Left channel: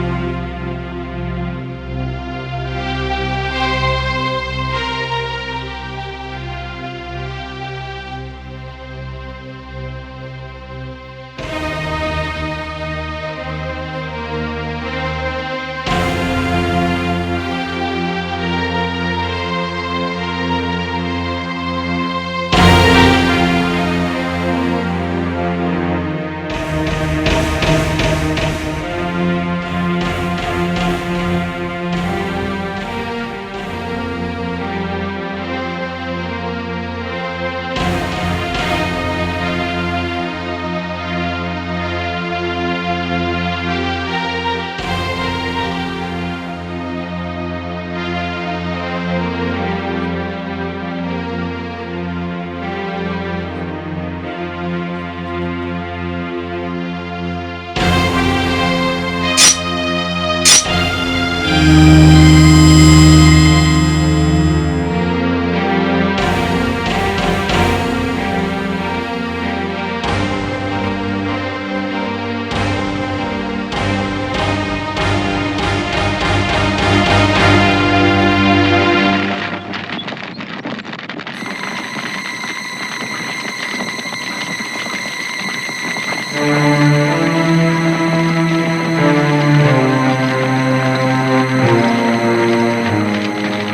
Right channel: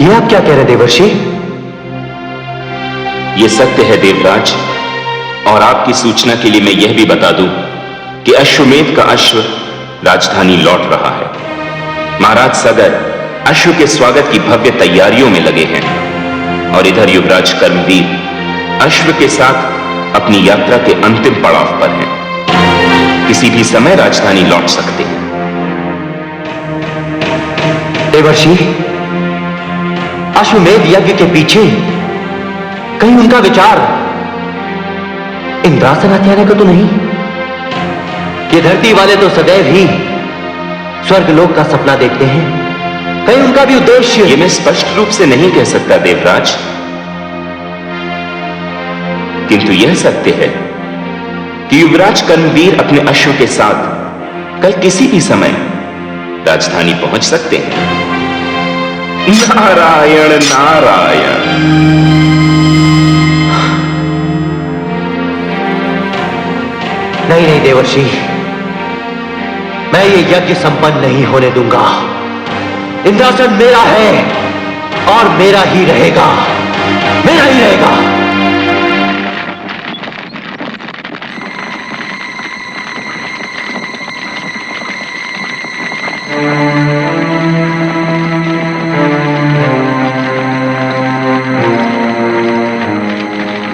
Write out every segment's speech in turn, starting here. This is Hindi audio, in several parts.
ये आप क्या कह रहे देवर्षि? ये सत्य है देवराज, और आपकी सूचना के लिए मैं यह भी बता दूं कि अश्वमेध का अश्व राजधानी लौट रहा है। महाराज सगर अश्व के स्वागत की भव्य तैयारियों में लगे हैं, और इधर युवराज कर्मवीर अश्व के साथ अपनी यात्रा के अंतिम पड़ाव पर हैं। किसी भी समय राजधानी लौट सकते हैं। देवर्षि, अश्वमेध यज्ञ के पीछे कहीं उनका विचार इंद्रासन हत्याने का तो नहीं? ये धरती वाले तो सदैव ही स्वर्गलोक का सपना देखते हैं, कहीं उनका भी उद्देश्य? ये मैं स्पष्ट रूप से नहीं कह सकता देवराज, किंतु यह सत्य है कि युवराज कर्मवीर अपने अश्व के साथ कल किसी भी समय राजधानी पहुंच सकते हैं। नारायण नारायण। नहीं नहीं देवर्षि, मैं ये यज्ञ संपन्न नहीं होने दूंगा। इंद्रासन मेरा है और मेरा ही रहेगा, मेरा ही रहेगा।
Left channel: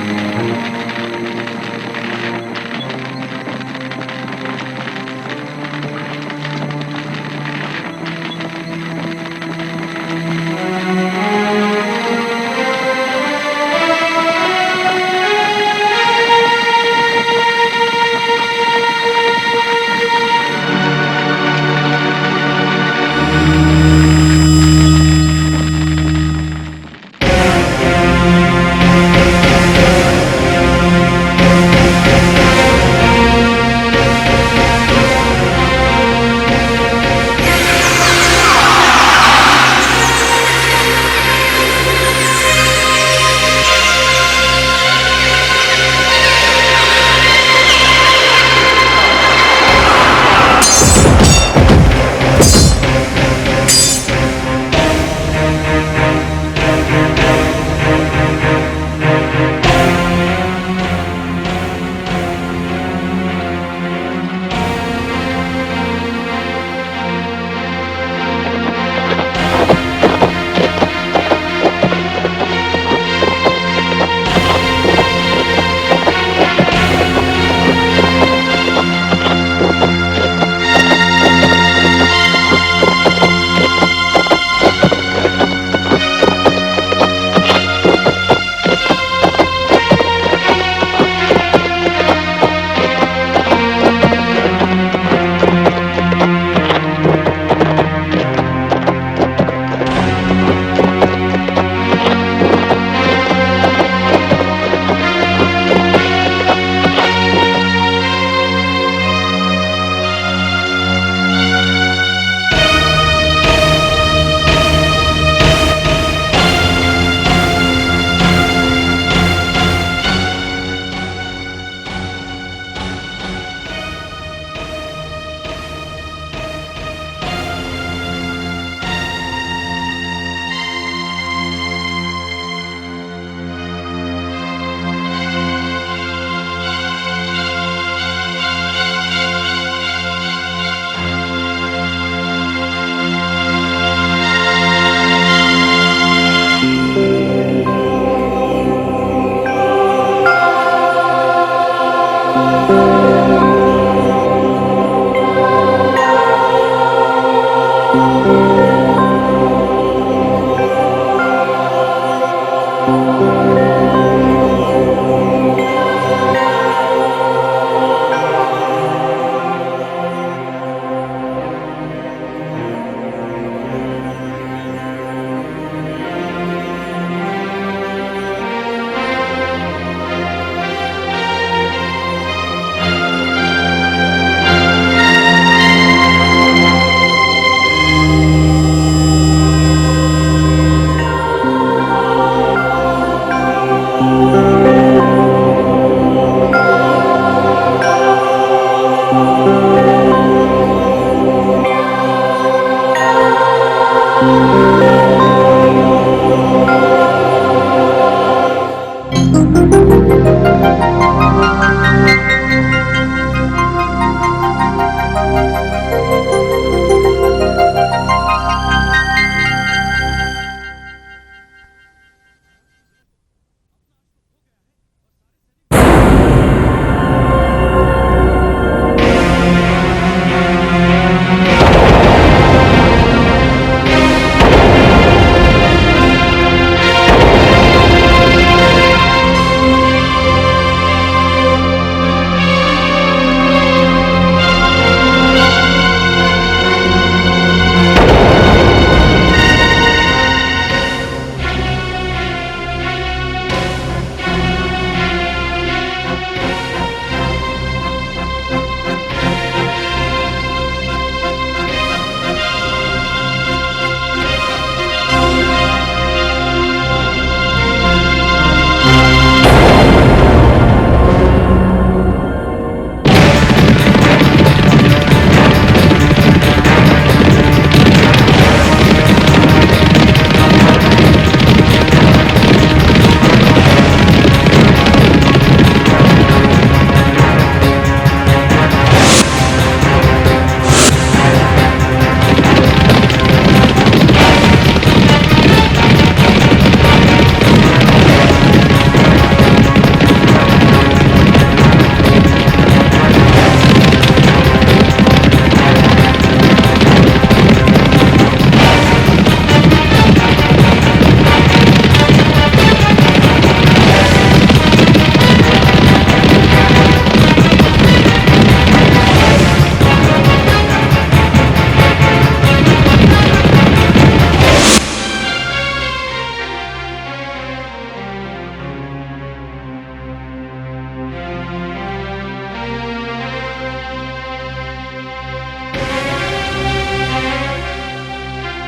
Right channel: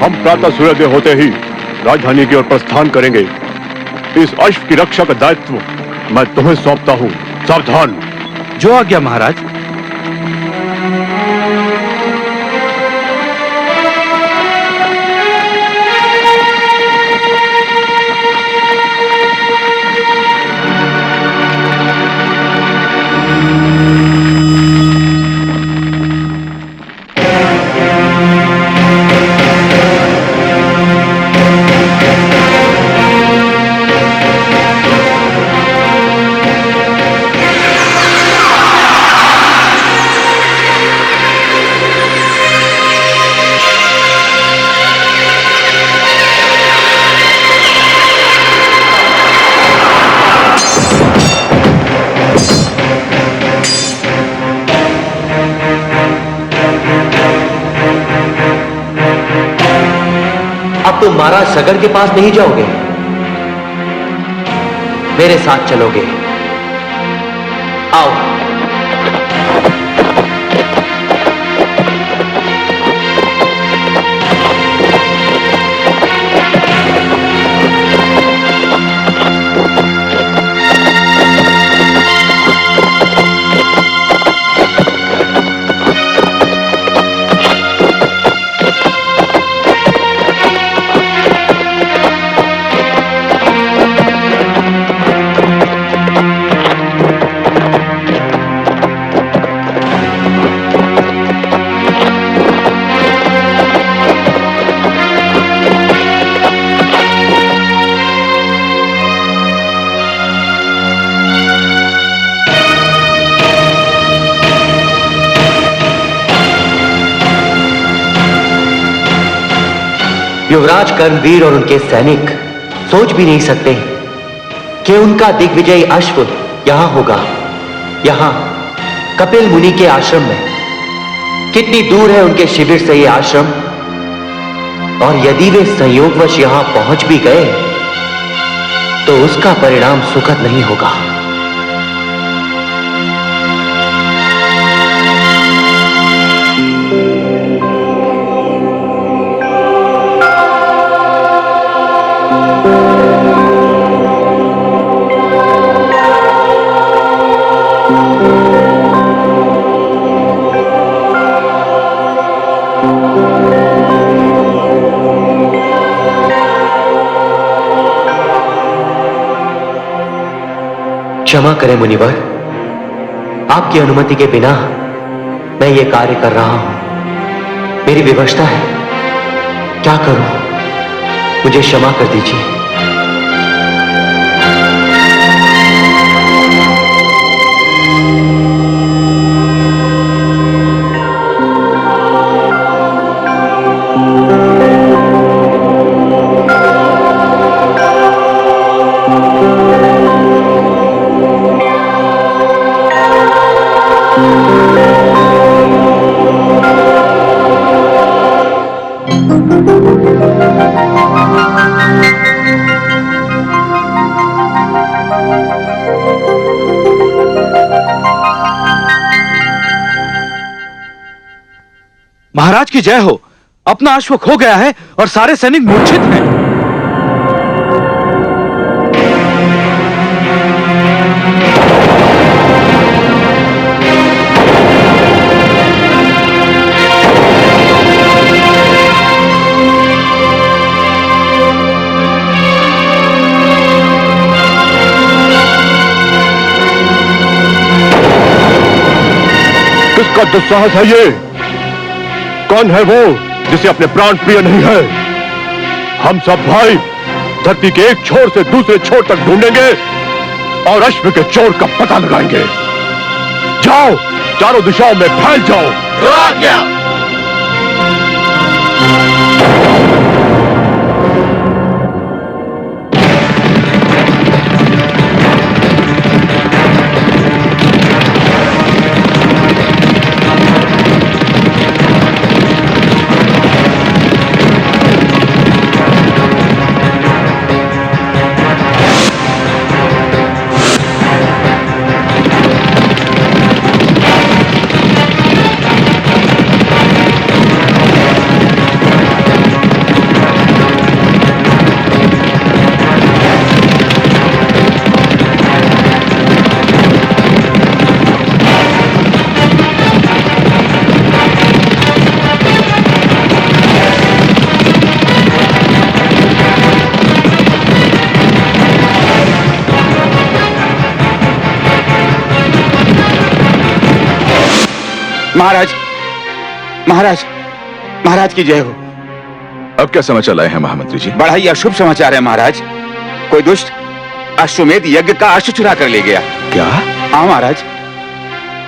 हम प्रातः सूर्योदय होते ही राजधानी की ओर प्रस्थान करेंगे। इस अश्व की रक्षा का दायित्व मैं तुम्हें सौंपता हूं। सावधान। जो आज्ञा महाराज। महाराज सगर के पास नहीं जाओगे, मेरे साथ चलोगे। आओ। युवराज कर्मवीर और उनके सैनिक सोच भी नहीं सकते कि उनका दिग्विजयी अश्व यहां होगा, यहां कपिल मुनि के आश्रम में। कितनी दूर है उनके शिविर से यह आश्रम, और यदि वे संयोगवश यहां पहुंच भी गए तो उसका परिणाम सुखद नहीं होगा। क्षमा करें मुनिवर, आपकी अनुमति के बिना मैं ये कार्य कर रहा हूं। मेरी विवशता है, क्या करूं? मुझे क्षमा कर दीजिए। महाराज की जय हो। अपना अश्व खो गया है और सारे सैनिक मूर्छित हैं। किसका दुस्साहस है ये? कौन है वो जिसे अपने प्राण प्रिय नहीं है? हम सब भाई धरती के एक छोर से दूसरे छोर तक ढूंढेंगे और अश्व के चोर का पता लगाएंगे। जाओ, चारों दिशाओं में फैल जाओ। महाराज की जय हो। अब क्या समाचार लाए हैं महामंत्री जी? बड़ा ही अशुभ समाचार है महाराज। कोई दुष्ट अश्वमेध यज्ञ का अश्व चुरा कर ले गया। क्या? हाँ महाराज।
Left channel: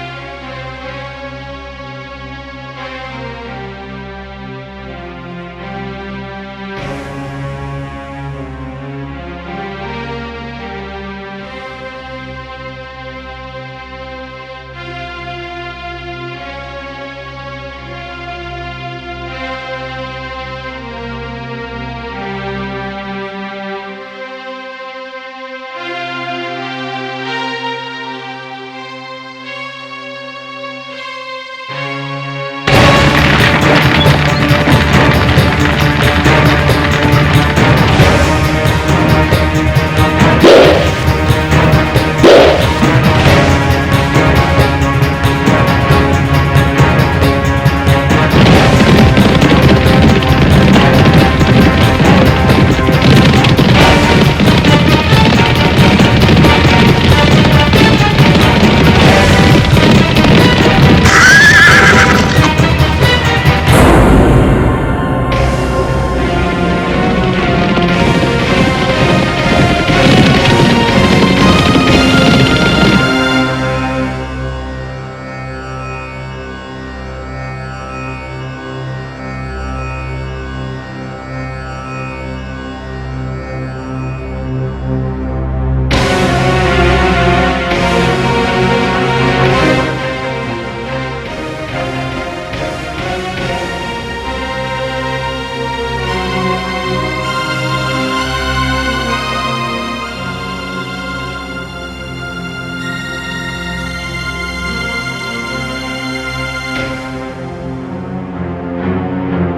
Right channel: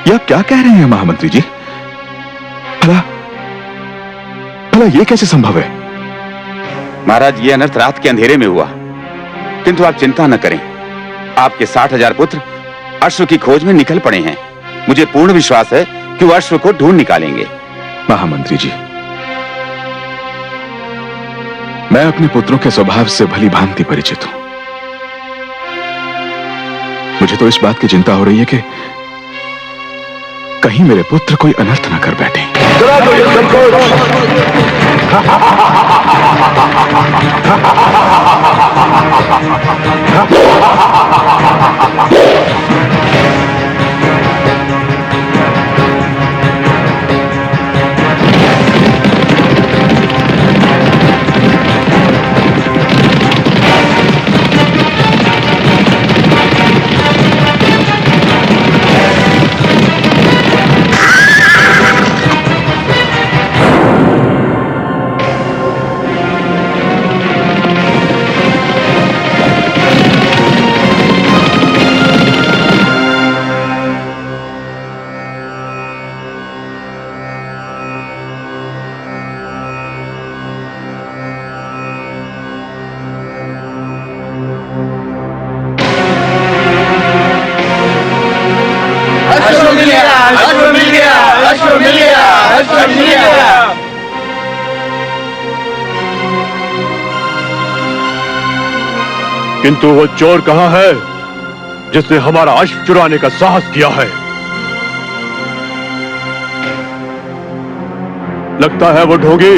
यह क्या कह रहे हैं महामंत्री जी? भला भला ये कैसे संभव है? महाराज, ये अनर्थ रात के अंधेरे में हुआ, किंतु आप चिंता न करें। आपके 60,000 पुत्र अश्व की खोज में निकल पड़े हैं। मुझे पूर्ण विश्वास है कि वो अश्व को ढूंढ निकालेंगे। महामंत्री जी, मैं अपने पुत्रों के स्वभाव से भली भांति परिचित हूं। मुझे तो इस बात की चिंता हो रही है कि कहीं मेरे पुत्र कोई अनर्थ न कर बैठे। किंतु वो चोर कहां है जिसने हमारा अश्व चुराने का साहस किया है? लगता है वो ढोंगी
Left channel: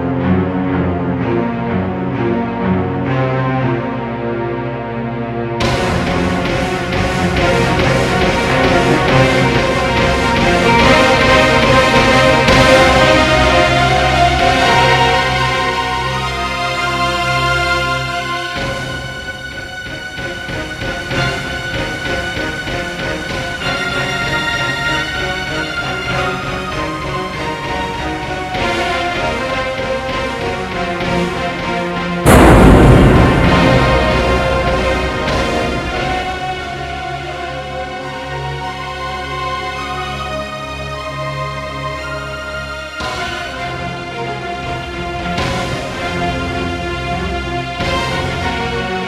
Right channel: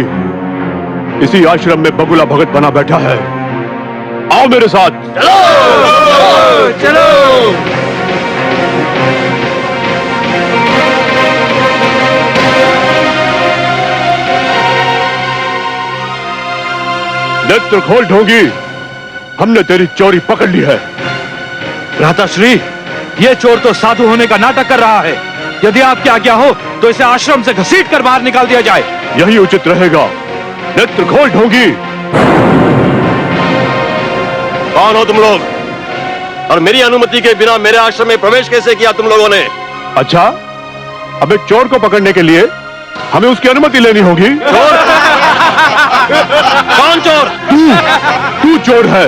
इसी आश्रम में बगुला भगत बना बैठा है। आओ मेरे साथ। चलो चलो। नेत्र खोल ढोंगी, हमने तेरी चोरी पकड़ ली है। भ्राताश्री, ये चोर तो साधु होने का नाटक कर रहा है। यदि आपकी आज्ञा हो तो इसे आश्रम से घसीट कर बाहर निकाल दिया जाए। यही उचित रहेगा। नेत्र खोल ढोंगी। कौन हो तुम लोग और मेरी अनुमति के बिना मेरे आश्रम में प्रवेश कैसे किया तुम लोगों ने? अच्छा, अब एक चोर को पकड़ने के लिए हमें उसकी अनुमति लेनी होगी। कौन चोर? तू चोर है।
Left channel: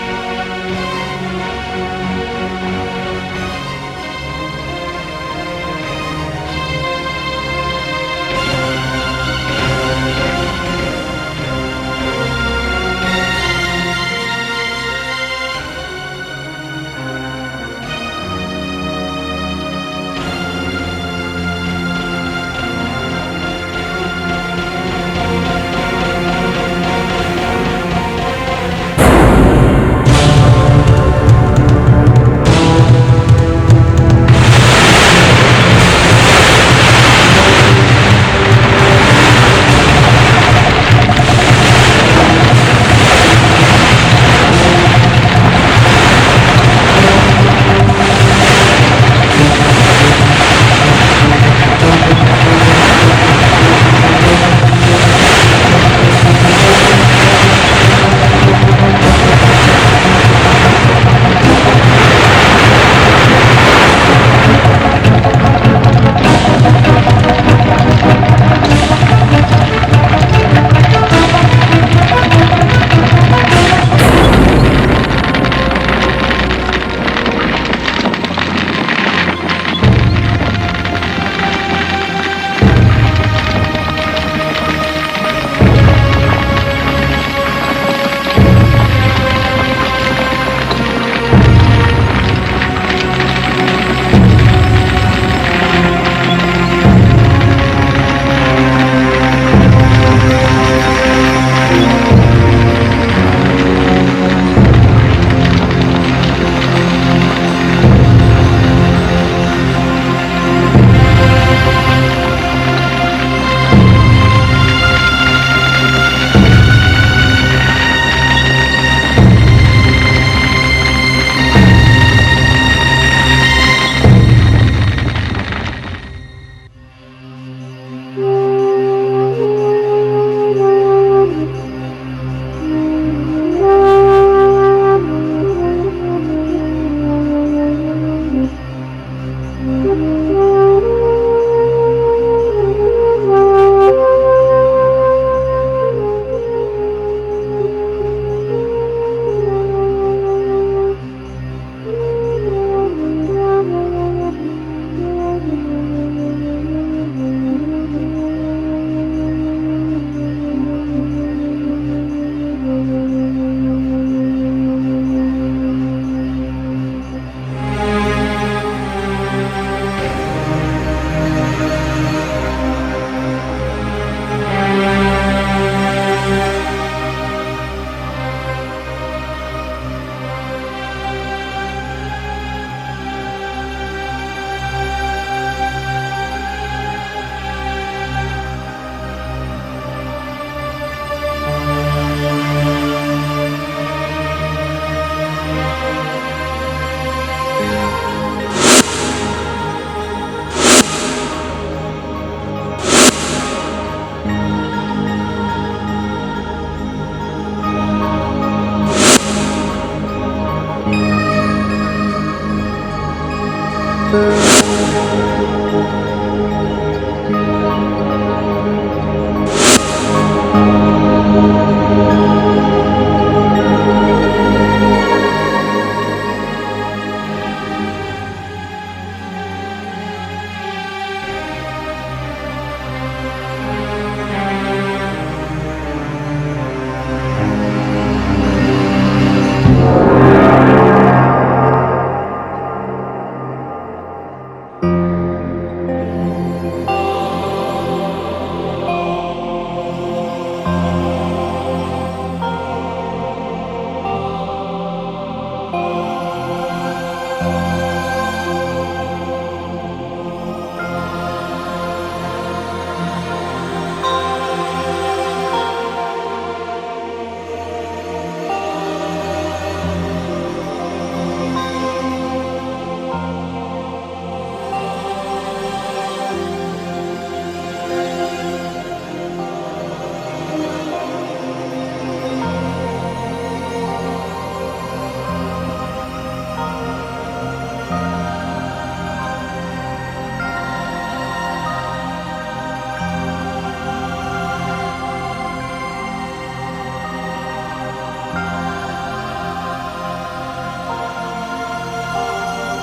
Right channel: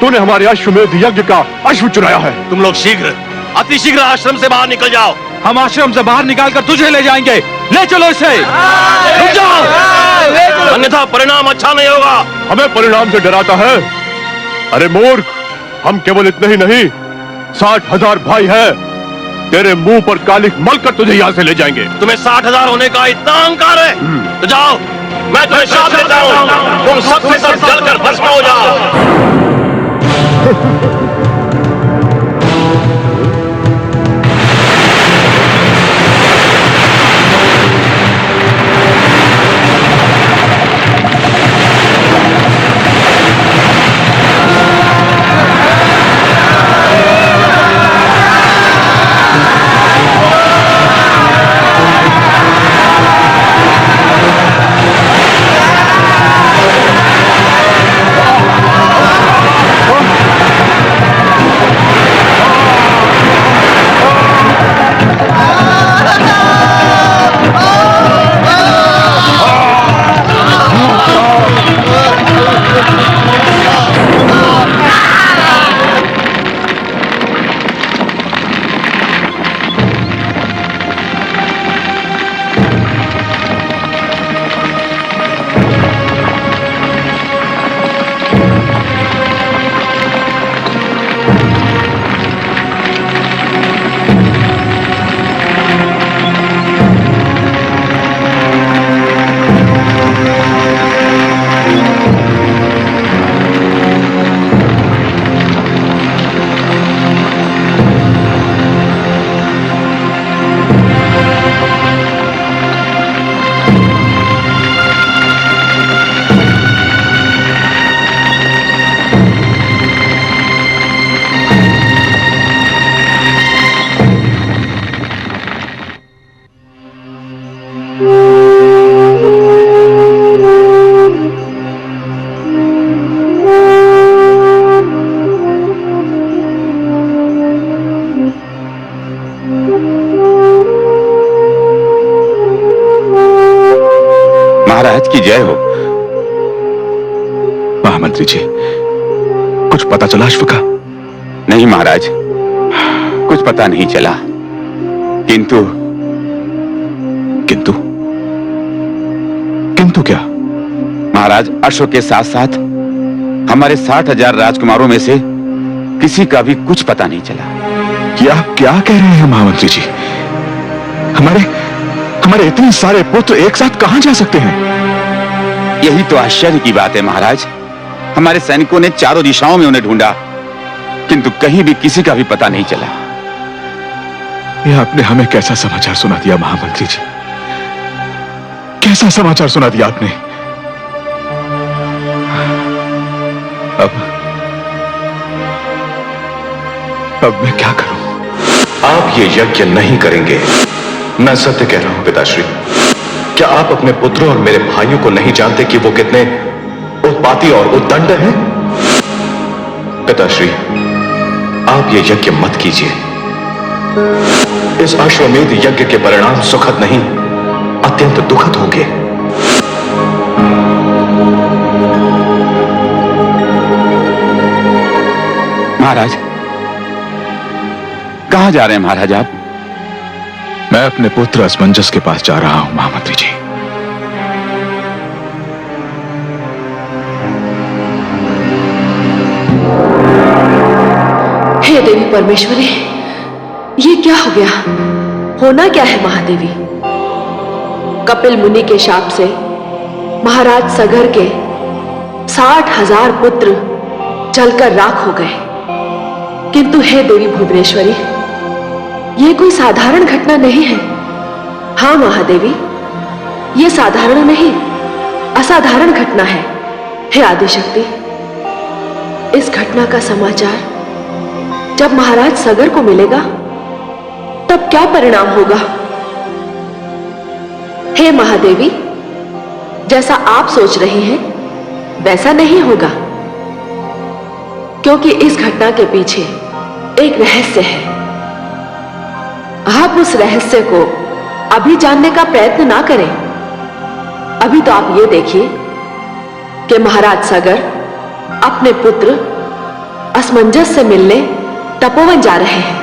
तूने हमारे अश्वमेध यज्ञ का अश्व चुराया है। तुम लोग शीघ्र, अति शीघ्र आश्रम से बाहर निकल जाओ। हम आश्रम से बाहर निकालकर तुझे ले जाएंगे। ले चलो इसे। रुक जाओ, अन्यथा परिणाम अच्छा नहीं होगा। हमें परिणाम से डराता है? अरे मूर्ख, हम केवल इतने ही नहीं, 60,000 भाई हैं। तेरे मुंह पर कालिक मलकर तुझे यहाँ से ले जाएंगे। तुम्हें 60,000 होने का इतना अहंकार है तो जाओ, मैं तुम्हें श्राप देता हूँ, तुम सबसे सब जलकर भस्म हो जाओ। महाराज की जय हो। महामंत्री जी, कुछ पता चला अश्व का? नहीं महाराज, कुछ पता नहीं चला। किंतु किंतु किंतु क्या? महाराज, अश्व के साथ साथ हमारे 60,000 राजकुमारों में से किसी का भी कुछ पता नहीं चला। क्या क्या कह रहे हैं महामंत्री जी? हमारे हमारे इतने सारे पुत्र एक साथ कहां जा सकते हैं? यही तो आश्चर्य की बात है महाराज। हमारे सैनिकों ने चारों दिशाओं में उन्हें ढूंढा, किंतु कहीं भी किसी का भी पता नहीं चला। यह आपने हमें कैसा समाचार सुना दिया महामंत्री जी? कैसा समाचार सुना दिया आपने? अब मैं क्या करूं? आप ये यज्ञ नहीं करेंगे। मैं सत्य कह रहा हूं पिताश्री। क्या आप अपने पुत्रों और मेरे भाइयों को नहीं जानते कि वो कितने उत्पाती और उद्दंड हैं? पिताश्री, आप ये यज्ञ मत कीजिए। इस अश्वमेध यज्ञ के परिणाम सुखद नहीं, अत्यंत दुखद होंगे। महाराज, कहां जा रहे हैं महाराज आप? मैं अपने पुत्र असमंजस के पास जा रहा हूं महामंत्री जी। हे देवी परमेश्वरी, ये क्या हो गया? होना क्या है महादेवी? कपिल मुनि के शाप से महाराज सगर के 60,000 पुत्र जलकर राख हो गए। किंतु हे देवी भुवनेश्वरी, यह कोई साधारण घटना नहीं है। हाँ महादेवी, यह साधारण नहीं, असाधारण घटना है। हे आदिशक्ति, इस घटना का समाचार जब महाराज सगर को मिलेगा तब क्या परिणाम होगा? हे महादेवी, जैसा आप सोच रही हैं वैसा नहीं होगा, क्योंकि इस घटना के पीछे एक रहस्य है। आप उस रहस्य को अभी जानने का प्रयत्न ना करें। अभी तो आप ये देखिए कि महाराज सगर अपने पुत्र असमंजस से मिलने तपोवन जा रहे हैं।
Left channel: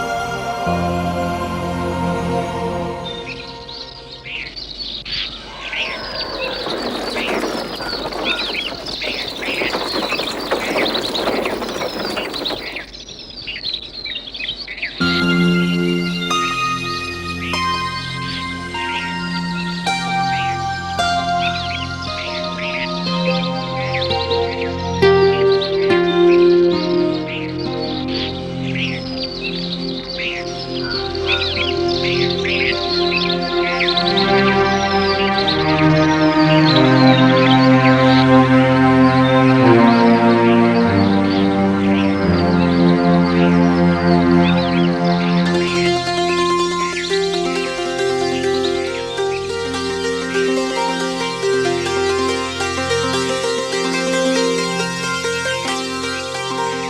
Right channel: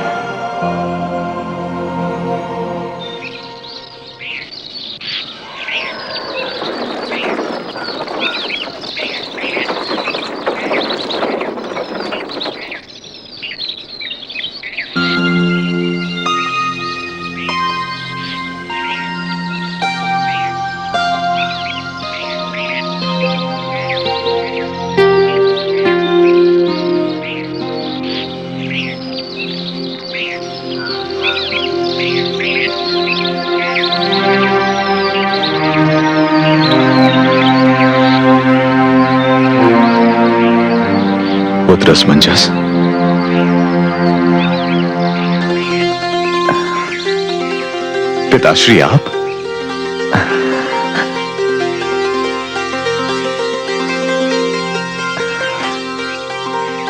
पुत्र असमंजस। पिताश्री आप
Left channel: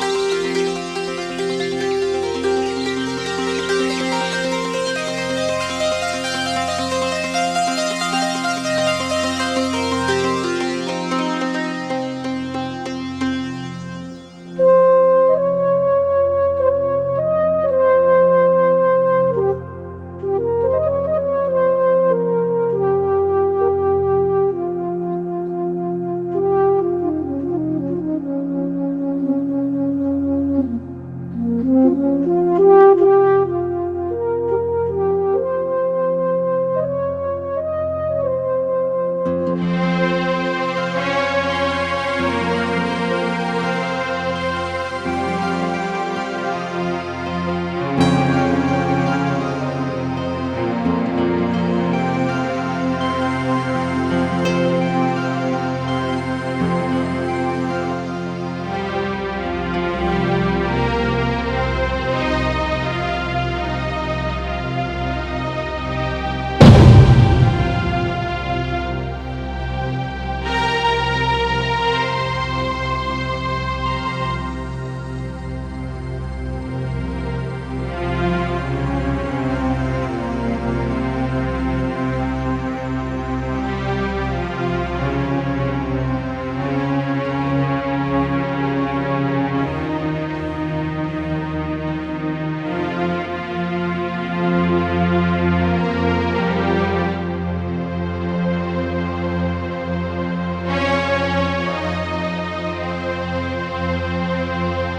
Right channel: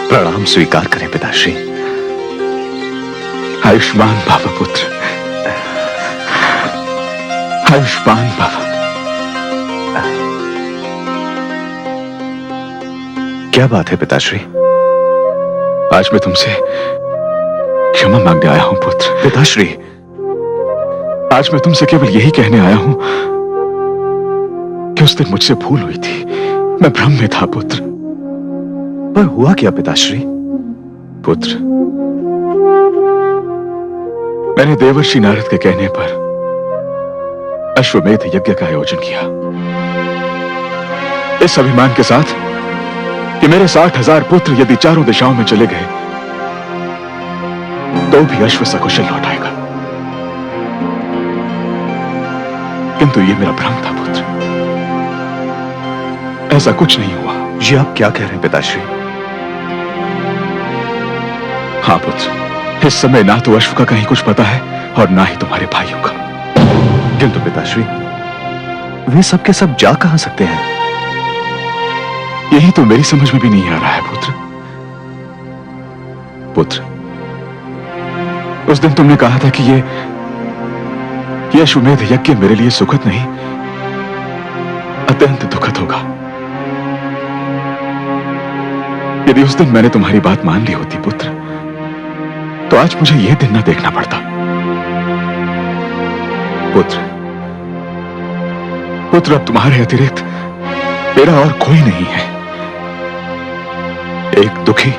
प्रणाम स्वीकार करें पिताश्री। आयुष्मान भव पुत्र, आयुष्मान भव। क्या बात है पिताश्री? आज मैं तुमसे क्षमा मांगने आया हूं पुत्र। पिताश्री, आज मैं तुमसे केवल यही कहने आया हूं कि उस दिन मुझसे भूल हुई थी, मैं भ्रम में था पुत्र। पर हुआ क्या पिताश्री? पुत्र, मैंने देवर्षि नारद के कहने पर अश्वमेध यज्ञ का आयोजन किया, इस अभिमान के साथ कि मेरे 60,000 पुत्र यदि चारों दिशाओं में चले गए तो भी अश्व सकुशल लौट आएगा। किंतु ये मेरा भ्रम था पुत्र, ऐसा कुछ नहीं हुआ। ये आप क्या कह रहे हैं पिताश्री? हाँ पुत्र, इस समय ना तो अश्व का कहीं कुछ पता है और ना ही तुम्हारे भाइयों का। किंतु पिताश्री, वे सब के सब जा कहां सकते हैं? यही तो मेरी समझ में भी नहीं आ रहा है पुत्र। पुत्र, उस दिन तुमने कहा था कि ये अश्वमेध यज्ञ मेरे लिए सुखद नहीं, अत्यंत दुखद होगा। यदि उस दिन मैंने तुम्हारी बात मान ली होती पुत्र, तो आज मुझे यह दिन न देखना पड़ता। पुत्र, अब तुम्हारे अतिरिक्त मेरा और कोई नहीं है। एक दुखी,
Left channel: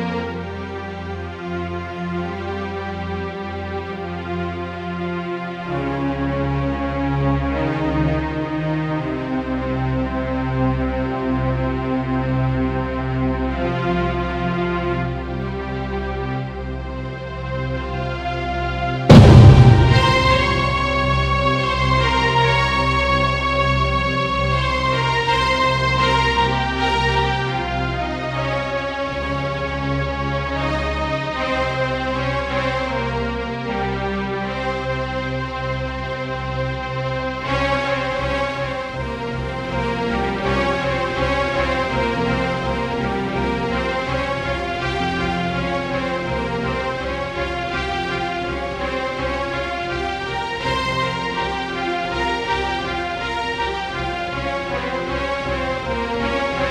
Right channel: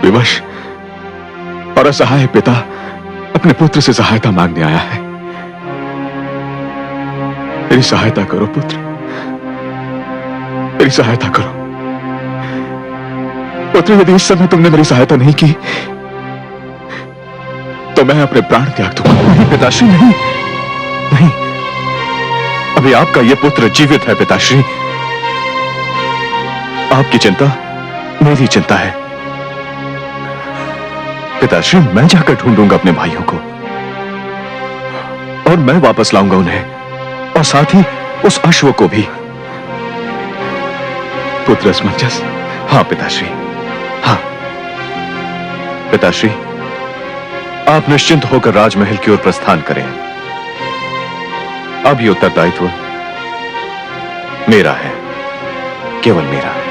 विवश और असहाय पिता अपने पुत्र से सहायता मांगने आया है। मेरी सहायता करो पुत्र, मेरी सहायता करो। पुत्र, यदि इस समय तुमने मेरी सहायता नहीं की तो मैं अपने प्राण त्याग दूंगा। पिताश्री, नहीं नहीं, अभी आपका यह पुत्र जीवित है पिताश्री। आपकी चिंता मेरी चिंता है। पिताश्री, मैं जाकर ढूंढूंगा अपने भाइयों को और मैं वापस लाऊंगा उन्हें, और साथ ही उस अश्व को भी। पुत्र असमंजस। हाँ पिताश्री, हाँ। पिताश्री, आप निश्चिंत होकर राजमहल की ओर प्रस्थान करें। अब ये उत्तरदायित्व मेरा है, केवल मेरा।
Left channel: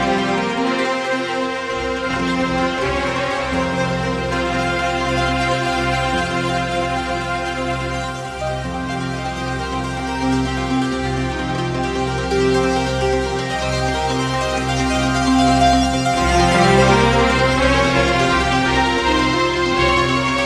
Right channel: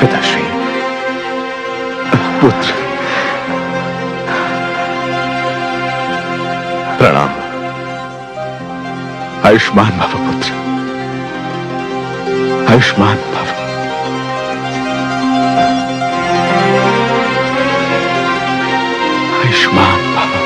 पिताश्री, पुत्र, प्रणाम। आयुष्मान भव पुत्र, आयुष्मान भव। आयुष्मान भव।